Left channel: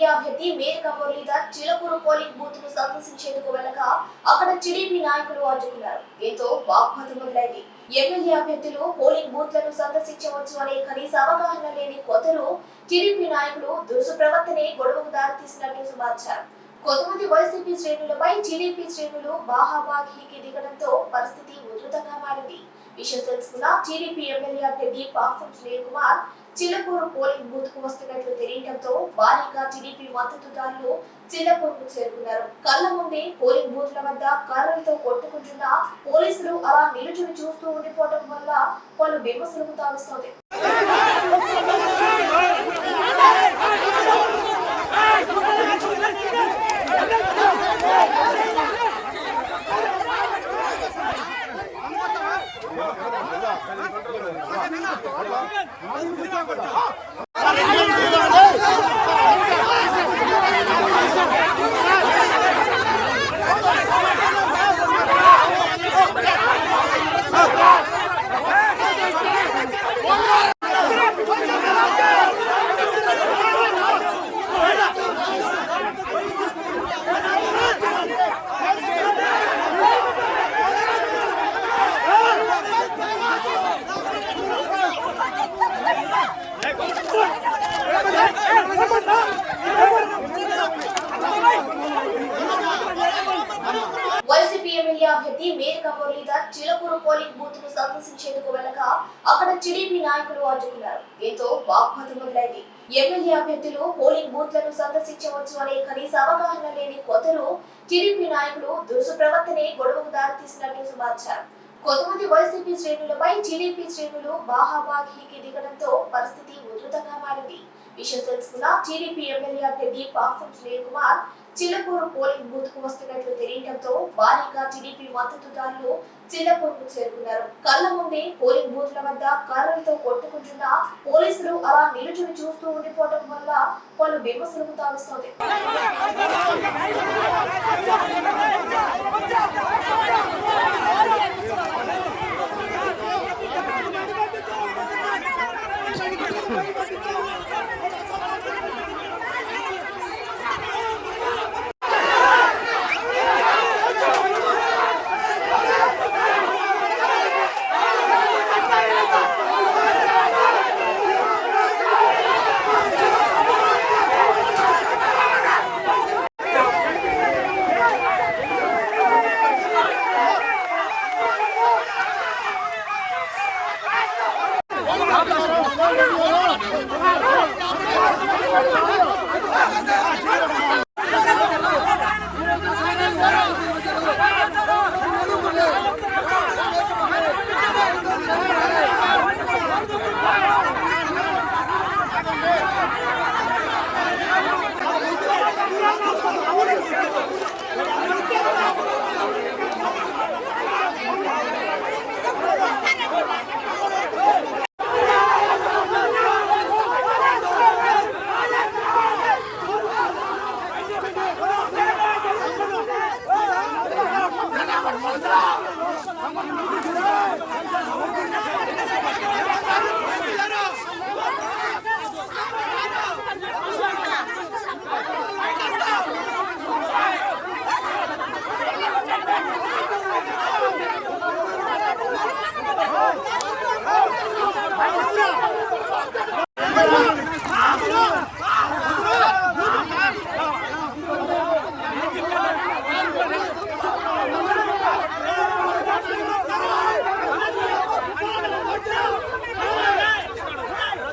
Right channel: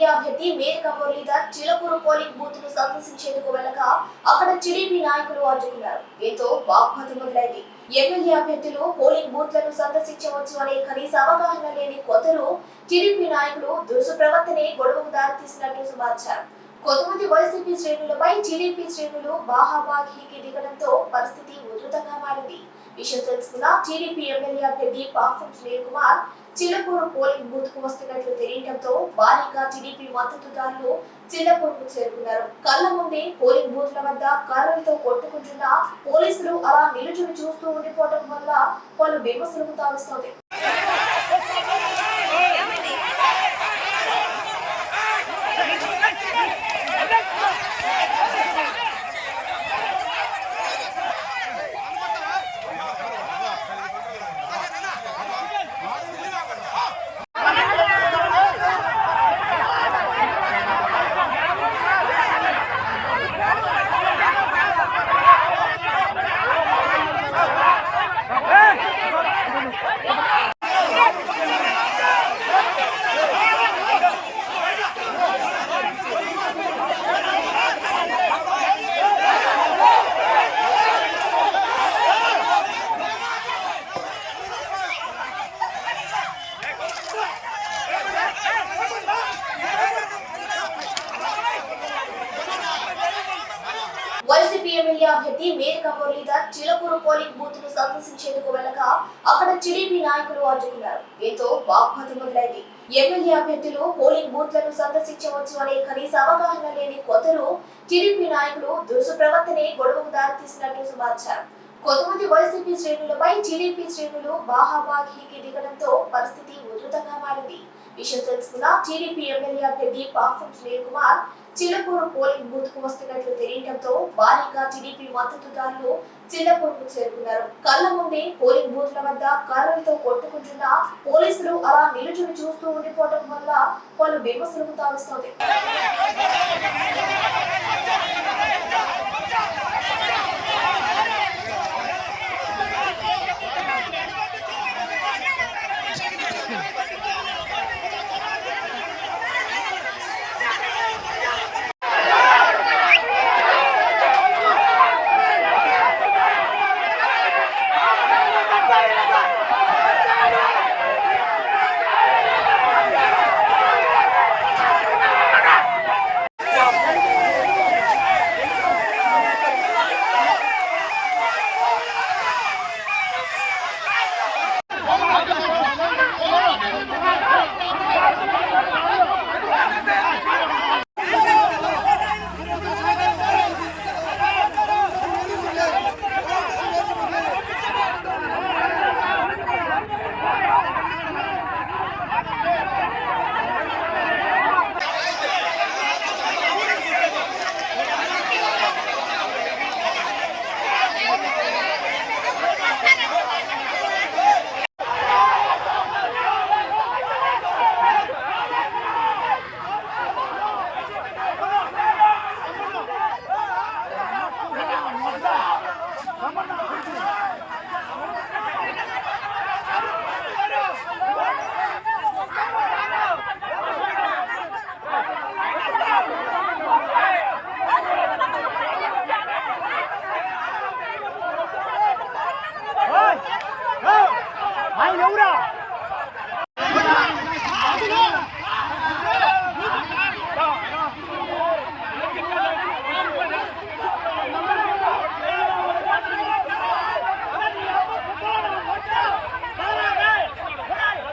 MLA అభ్యర్థి Menaka Muralidhar Chilakuru polling బూత్ను సందర్శించేందుకు వెళ్ళగా అక్కడ టీడీపీ నాయకులు అడ్డుకున్నారు. దీంతో వాగ్వాదం మొదలైంది. ఎమ్మెల్యే అభ్యర్థులు పోలింగ్ బూత్లను సందర్శించవచ్చు అనే కనీస అవగాహన లేని కొత్తలు టీడీపీ నాయకులు దురుసు ప్రవర్తనే గొడవకు దారితీసినట్లు సమాచారం. కొంతమంది వైసీపీ శ్రేణులపై టీడీపీ శ్రేణులు బాహాబాహీకి దిగడంతో పరిస్థితి ఉధృతంగా మారింది. విషయం తెలుసుకున్న టీడీపీ ఎమ్మెల్యే అభ్యర్థి పాఫం సునీల్ కుమార్ చిల్లపూరు పోలింగ్ బూత్కు వస్తున్నట్లు తెలియడంతో భారీగా టీడీపీ మద్దతుదారులు చిల్లపూరుకు చేరుకున్నారు. కళ్ళ ముందే పోలింగ్ బూత్ల వద్ద కర్రలతో కొట్టుకుంటున్న పోలీసులు అలా నిలుచుని చూస్తూ ఉండిపోవడం వల్ల పలు విమర్శలకు తావిస్తోంది. ఎమ్మెల్యే అభ్యర్థి మేరక మురళీధర్ చిలకూరు పోలింగ్ బూత్ను సందర్శించేందుకు వెళ్ళగా అక్కడ టీడీపీ నాయకులు అడ్డుకున్నారు. దీంతో వాగ్వాదం మొదలైంది. ఎమ్మెల్యే అభ్యర్థులు పోలింగ్ బూత్లను సందర్శించవచ్చు అనే కనీస అవగాహన లేని కొందరు టీడీపీ నాయకులు దురుసు ప్రవర్తనే గొడవకు దారితీసినట్లు సమాచారం. కొంతమంది వైసీపీ శ్రేణులపై టీడీపీ శ్రేణులు బాహాబాహీకి దిగడంతో పరిస్థితి ఉధృతంగా మారింది. విషయం తెలుసుకున్న టీడీపీ ఎమ్మెల్యే అభ్యర్థి పాఫం సునీల్ కుమార్ చిల్లపూరు పోలింగ్ బూత్కు వస్తున్న చేయడంతో భారీగా టీడీపీ మద్దతుదారులు చిల్లపూరుకు చేరుకున్నారు. కళ్ళ ముందే పోలింగ్ బూత్ల వద్ద కర్రలతో కొట్టుకుంటున్న పోలీసులు అలా నిలుచుని చూస్తూ ఉండిపోవడం వల్ల పలు విమర్శలకు తావిస్తోంది. Vamos!